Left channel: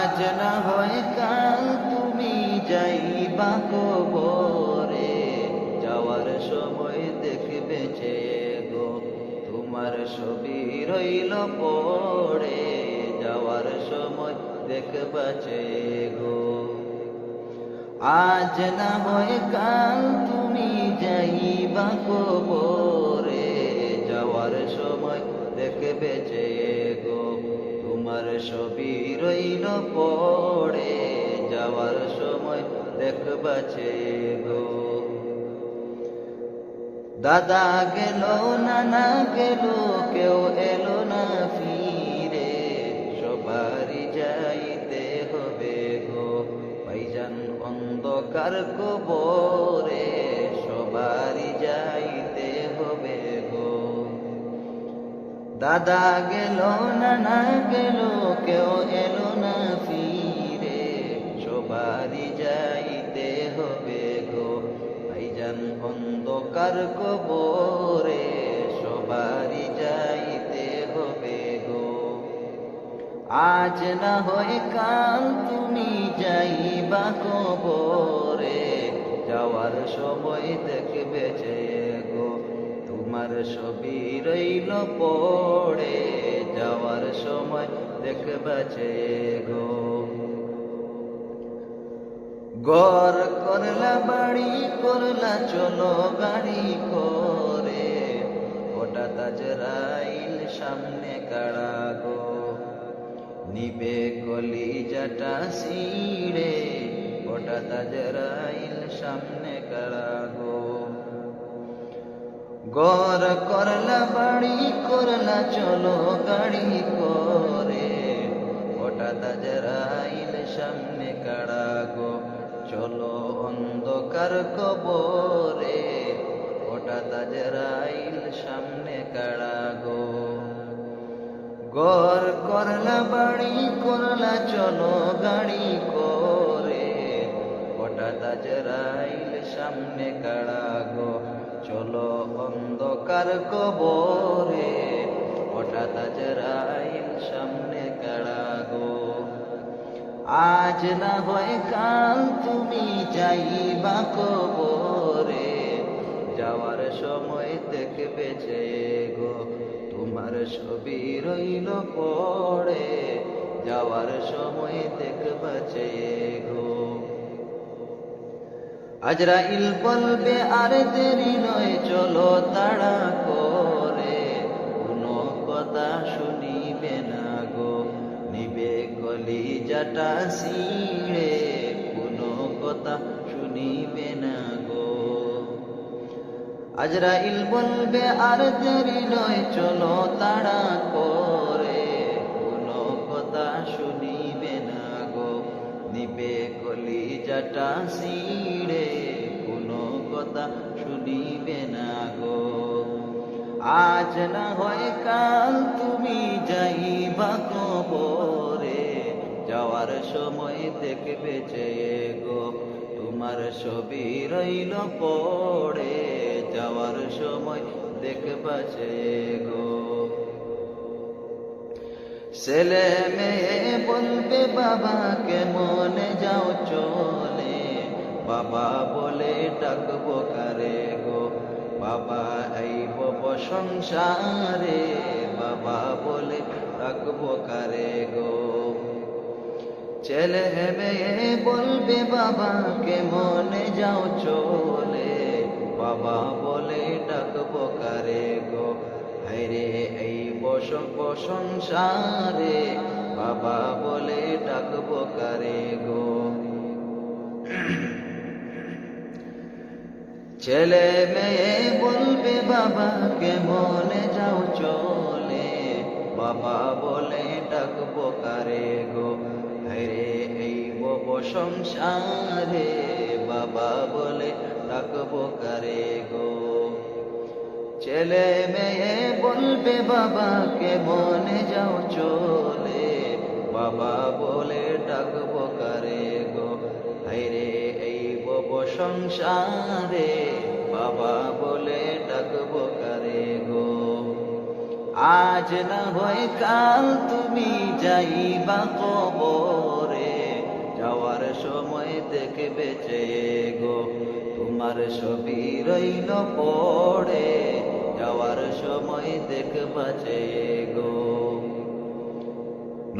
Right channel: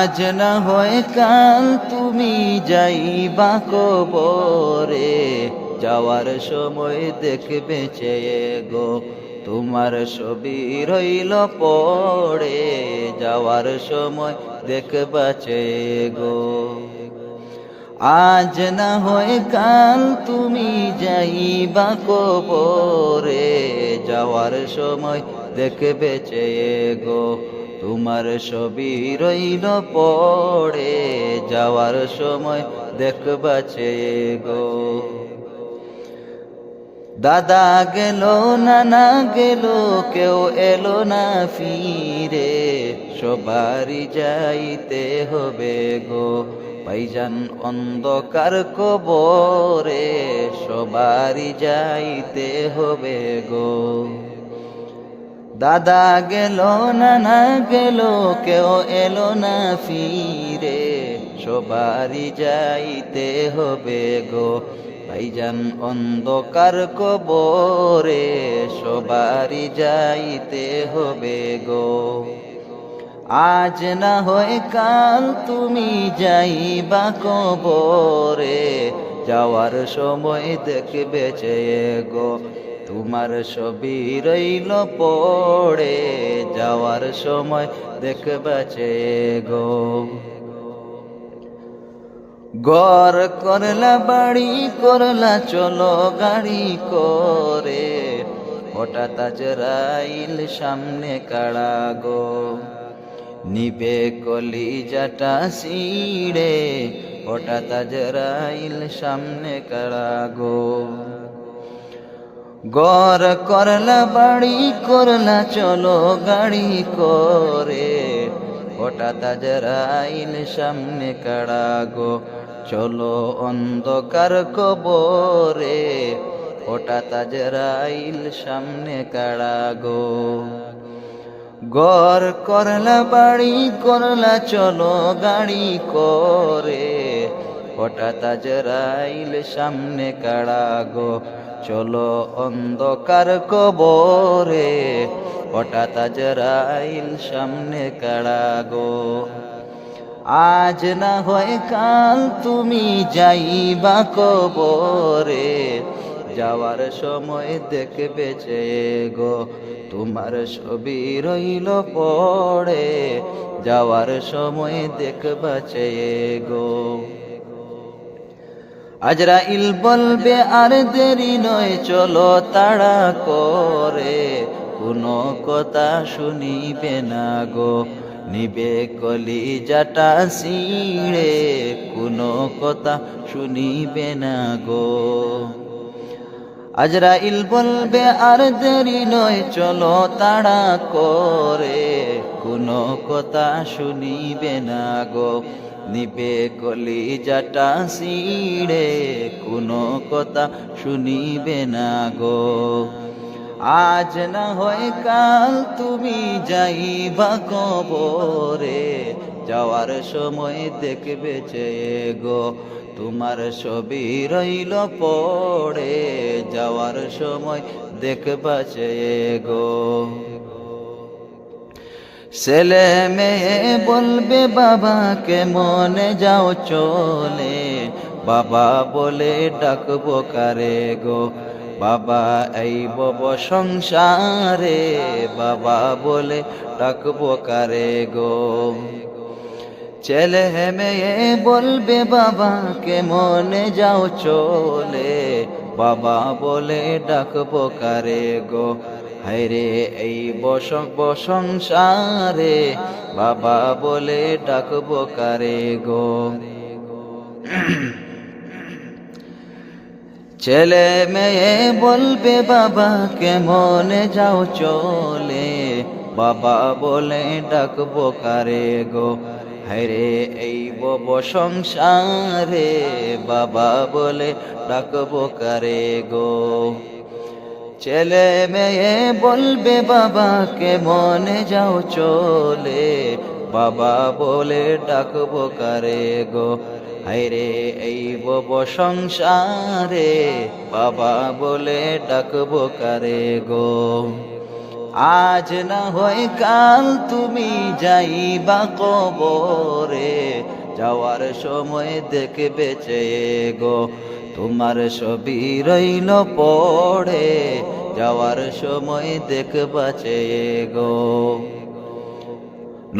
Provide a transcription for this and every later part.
আজ না হয় কাল তুমি যাইবা কবরে, যাওয়ার সময় দেখবে চেয়ে গো তোমার ছবি রইল পড়ে, যাওয়ার সময় দেখবা চেয়ে গো। আজ না হয় কাল তুমি যাইবা কবরে, যাওয়ার সময় দেখবে চেয়ে গো তোমার ছবি রইল পড়ে, যাওয়ার সময় দেখবা চেয়ে গো। দাদা গেল নানা গেল কেউ এলো না ফিরে, সবারই যাইতে হবে গো ভাইজান অন্ধকার কবরে, সবারই যাইতে হবে গো। দাদা গেল নানা গেল কেউ এলো না ফিরে, সবারই যাইতে হবে গো ভাইজান অন্ধকার কবরে, সবারই যাইতে হবে গো। আজ না হয় কাল তুমি যাইবা কবরে, যাওয়ার সময় দেখবে চেয়ে গো তোমার ছবি রইল পড়ে, যাওয়ার সময় দেখবা চেয়ে গো। ঘর করলা বাড়ি করলা চলো গাড়ি করে, হঠাৎ আজরাইল সামনে কাড়া গো নিবে কলিজাটা ছিঁড়ে, হঠাৎ আজরাইল সামনে কাড়া গো। ঘর করলা বাড়ি করলা চলো গাড়ি করে, হঠাৎ আজরাইল সামনে কাড়া গো চলো অন্ধকার কবরে, হঠাৎ আজরাইল সামনে কাড়া গো। ঘর করলা বাড়ি করলা চলো গাড়ি করে, হঠাৎ আজরাইল সামনে কাড়া গো চলো অন্ধকার কবরে, হঠাৎ আজরাইল সামনে কাড়া গো। আজ না হয় কাল তুমি যাইবা কবরে, যাওয়ার সময় দেখবে চেয়ে গো তোমার ছবি রইল পড়ে, যাওয়ার সময় দেখবা চেয়ে গো। আজরাইল বলবে আর দেরি নয় চলো তাড়া করে, কোনো কথা শুনিবে না গো নিবে কলিজাটা ছিঁড়ে, কোনো কথা শুনিবে না গো। আজরাইল বলবে আর দেরি নয় চলো তাড়া করে, কোনো কথা শুনিবে না গো নিবে কলিজাটা ছিঁড়ে, কোনো কথা শুনিবে না গো। আজ না হয় কাল তুমি যাইবা কবরে, যাওয়ার সময় দেখবে চেয়ে গো তোমার ছবি রইল পড়ে, যাওয়ার সময় দেখবা চেয়ে গো। ছেলে মেয়ে বলবে বাবাকে মনে যাও চলে, বাবা বলে ডাকবো কারে গো বাবা এই বব সংসারে, বাবা বলে ডাকবো কারে গো। ছেলে মেয়ে বলবে বাবাকে মনে যাও চলে, বাবা বলে ডাকবো কারে গো হায়রে এই সংসারে, বাবা বলে ডাকবো কারে গো। ছেলে মেয়ে বলবে বাবাকে মনে যাও চলে, বাবা বলে ডাকবো কারে গো হায়রে এই বব সংসারে, বাবা বলে ডাকবো কারে গো। ছেলে মেয়ে বলবে বাবাকে মনে যাও চলে, বাবা বলে ডাকবো কারে গো হায়রে এই বব সংসারে, বাবা বলে ডাকবো কারে গো। আজ না হয় কাল তুমি যাইবা কবরে, যাওয়ার সময় দেখবে চেয়ে গো তোমার ছবি রইল পড়ে, যাওয়ার সময় দেখবা চেয়ে গো।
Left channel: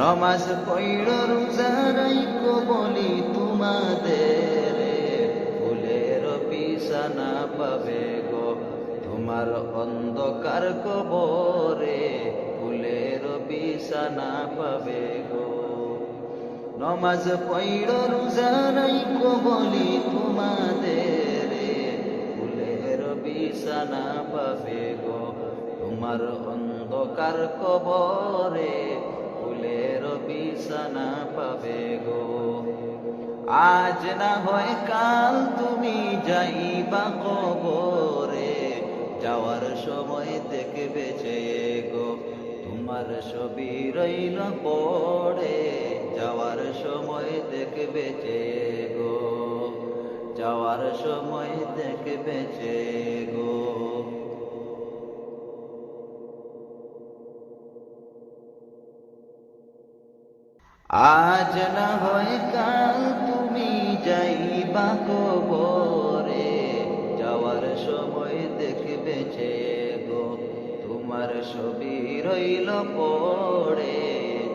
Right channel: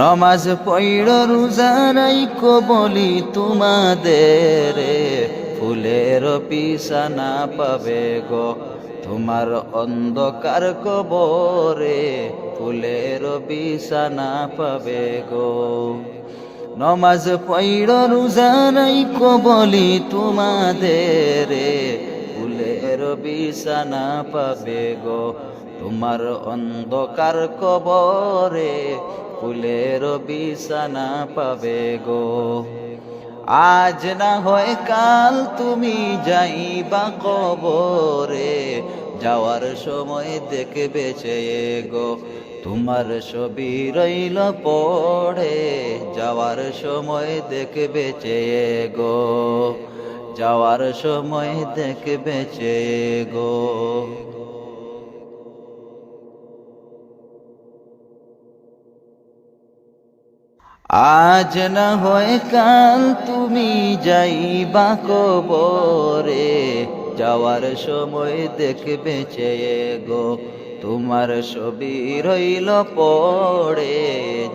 নমাজ পড়ো রোজা রাইখো বলি তোমাদের, ফুলের বিছানা পাবে গো তোমার অন্ধকার কবরে, ফুলের বিছানা পাবে গো। নমাজ পড়ো রোজা রাইখো বলি তোমাদের, ফুলের বিছানা পাবে গো তোমার অন্ধকার কবরে, ফুলের বিছানা পাবে গো। আজ না হয় কাল তুমি যাইবা কবরে, যাওয়ার সময় দেখবে চেয়ে গো তোমার ছবি রইল পড়ে, যাওয়ার সময় দেখবে চেয়ে গো, যাওয়ার সময় দেখবে চেয়ে গো। আজ না হয় কাল তুমি যাইবা কবরে, যাওয়ার সময় দেখবে চেয়ে গো তোমার ছবি রইল পড়ে,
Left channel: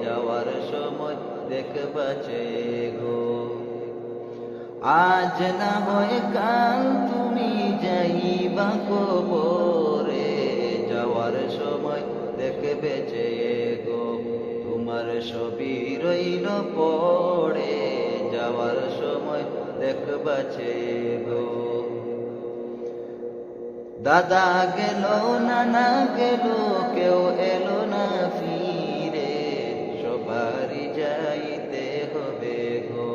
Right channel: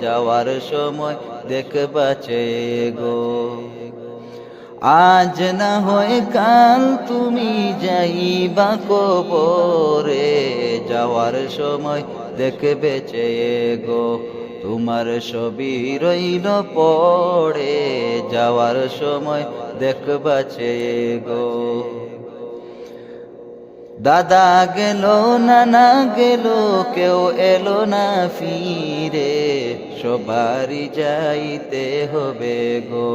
যাওয়ার সময় দেখবা চেয়ে গো। আজ না হয় কাল তুমি যাইবা কবরে, যাওয়ার সময় দেখবে চেয়ে গো তোমার ছবি রইল পড়ে, যাওয়ার সময় দেখবা চেয়ে গো। দাদা গেল নানা গেল কেউ এলো না ফিরে, সবারই যাইতে হবে গো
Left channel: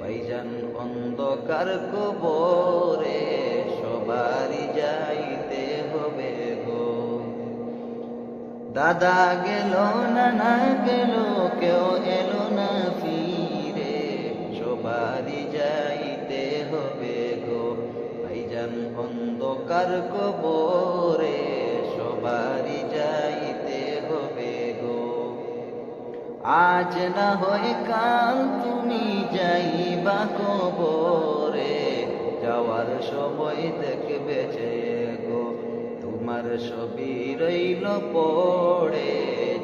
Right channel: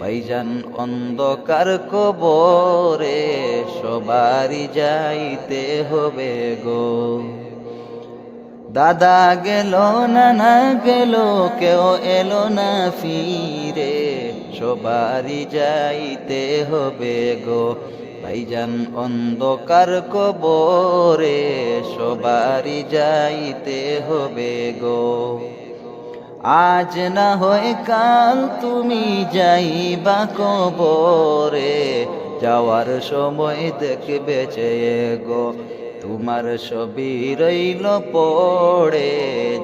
ভাইজান অন্ধকার কবরে, সবারই যাইতে হবে গো। দাদা গেল নানা গেল কেউ এলো না ফিরে, সবারই যাইতে হবে গো ভাইজান অন্ধকার কবরে, সবারই যাইতে হবে গো। আজ না হয় কাল তুমি যাইবা কবরে, যাওয়ার সময় দেখবে চেয়ে গো তোমার ছবি রইল পড়ে,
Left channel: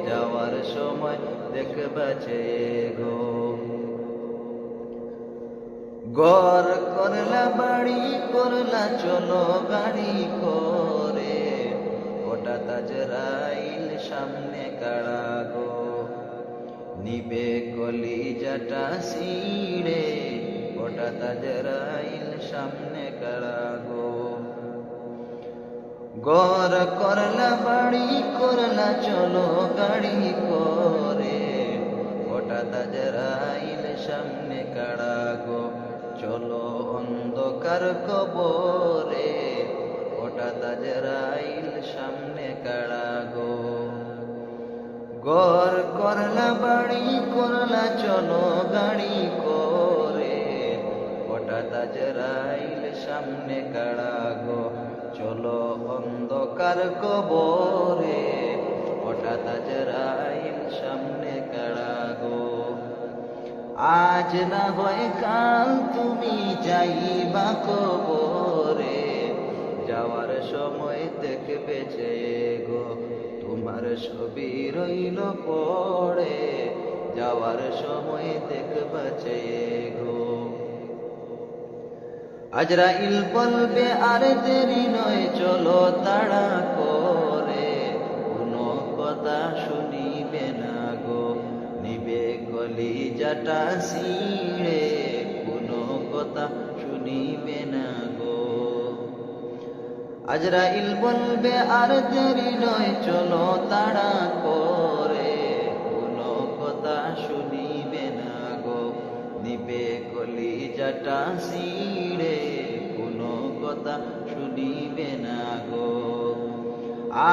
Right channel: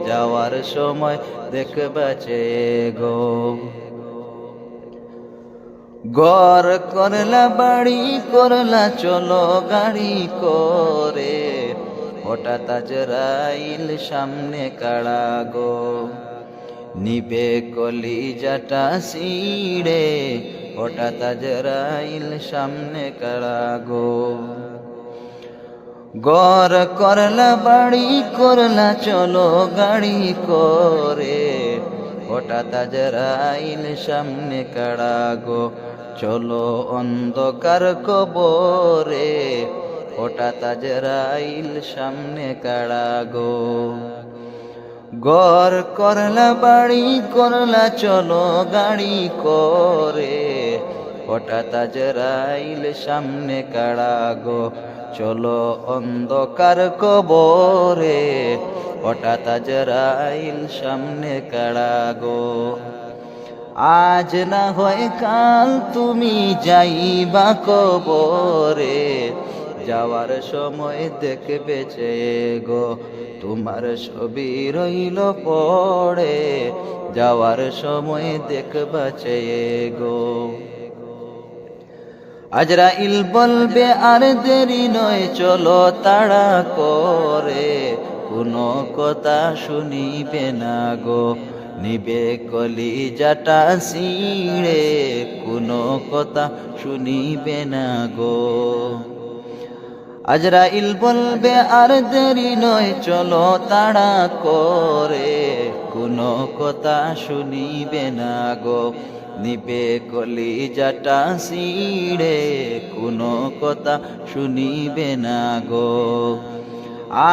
যাওয়ার সময় দেখবা চেয়ে গো। ঘর করলা বাড়ি করলা চলো গাড়ি করে, হঠাৎ আজরাইল সামনে কাড়া গো নিবে কলিজাটা ছিঁড়ে, হঠাৎ আজরাইল সামনে কাড়া গো। ঘর করলা বাড়ি করলা চলো গাড়ি করে, হঠাৎ আজরাইল সামনে কাড়া গো চলো অন্ধকার কবরে, হঠাৎ আজরাইল সামনে কাড়া গো। ঘর করলা বাড়ি করলা চলো গাড়ি করে, হঠাৎ আজরাইল সামনে কাড়া গো চলো অন্ধকার কবরে, হঠাৎ আজরাইল সামনে কাড়া গো। আজ না হয় কাল তুমি যাইবা কবরে, যাওয়ার সময় দেখবে চেয়ে গো তোমার ছবি রইল পড়ে, যাওয়ার সময় দেখবা চেয়ে গো। আজরাইল বলবে আর দেরি নয় চলো তাড়া করে, কোনো কথা শুনিবে না গো নিবে কলিজাটা ছিঁড়ে, কোনো কথা শুনিবে না গো। আজরাইল বলবে আর দেরি নয় চলো তাড়া করে, কোনো কথা শুনিবে না গো নিবে কলিজাটা ছিঁড়ে, কোনো কথা শুনিবে না গো।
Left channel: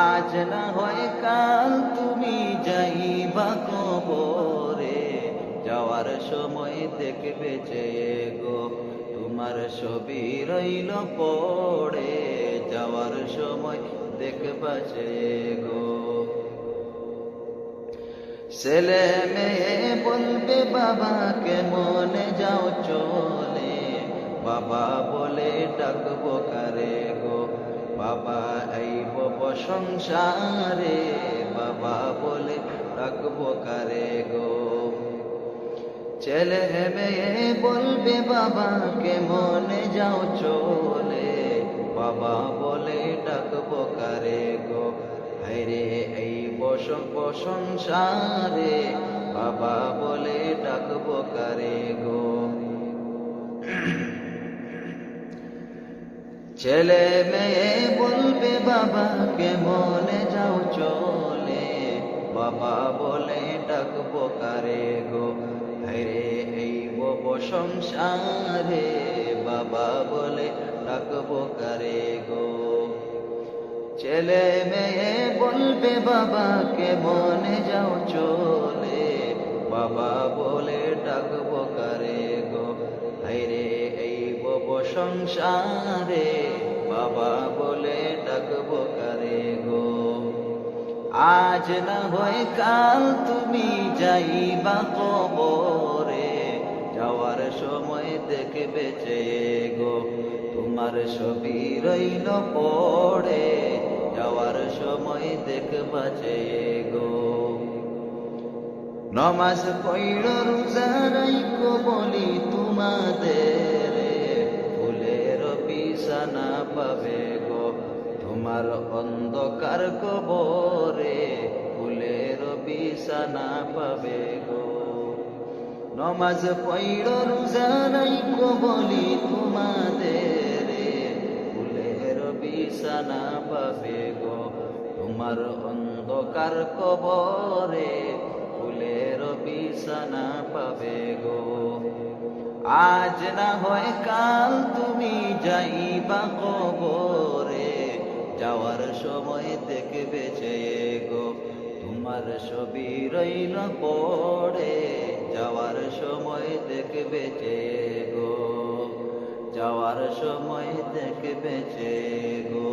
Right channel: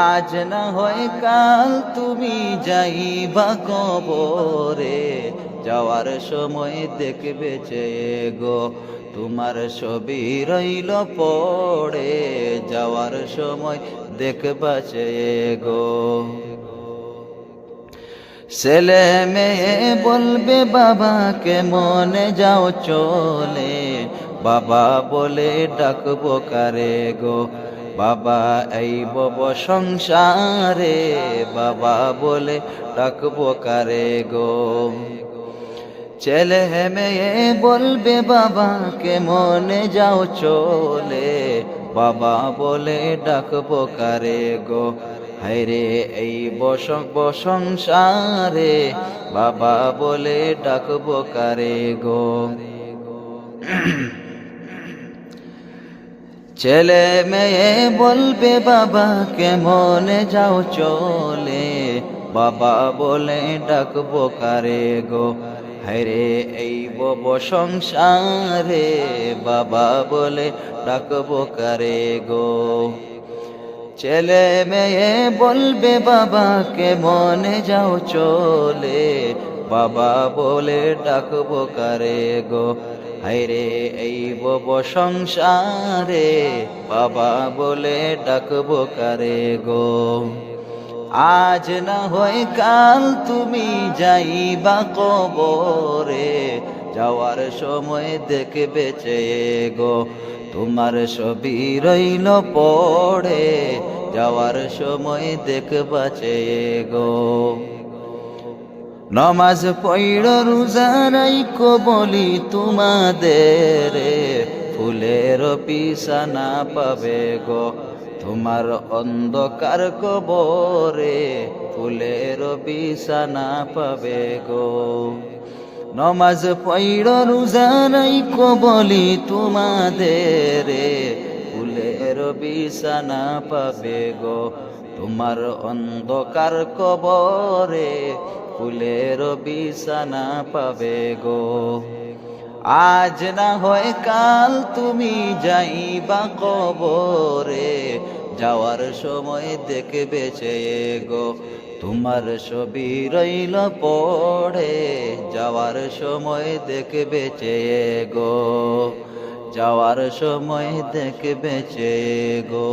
আজ না হয় কাল তুমি যাইবা কবরে, যাওয়ার সময় দেখবে চেয়ে গো তোমার ছবি রইল পড়ে, যাওয়ার সময় দেখবা চেয়ে গো। ছেলে মেয়ে বলবে বাবাকে মনে যাও চলে, বাবা বলে ডাকবো কারে গো। বাবা এই বব সংসারে, বাবা বলে ডাকবো কারে গো। ছেলে মেয়ে বলবে বাবাকে মনে যাও চলে, বাবা বলে ডাকবো কারে গো। হায়রে এই সংসারে, বাবা বলে ডাকবো কারে গো। ছেলে মেয়ে বলবে বাবাকে মনে যাও চলে, বাবা বলে ডাকবো কারে গো। হায়রে এই বব সংসারে, বাবা বলে ডাকবো কারে গো। ছেলে মেয়ে বলবে বাবাকে মনে যাও চলে, বাবা বলে ডাকবো কারে গো। হায়রে এই বব সংসারে, বাবা বলে ডাকবো কারে গো। আজ না হয় কাল তুমি যাইবা কবরে, যাওয়ার সময় দেখবে চেয়ে গো। তোমার ছবি রইল পড়ে, যাওয়ার সময় দেখবা চেয়ে গো। নমাজ পড়ো রোজা রাইখো বলি তোমাদের, ফুলের বিছানা পাবে গো। তোমার অন্ধকার কবরে, ফুলের বিছানা পাবে গো। নমাজ পড়ো রোজা রাইখো বলি তোমাদের, ফুলের বিছানা পাবে গো। তোমার অন্ধকার কবরে, ফুলের বিছানা পাবে গো। আজ না হয় কাল তুমি যাইবা কবরে, যাওয়ার সময় দেখবে চেয়ে গো। তোমার ছবি রইল পড়ে, যাওয়ার সময় দেখবে চেয়ে গো। যাওয়ার সময় দেখবে চেয়ে গো।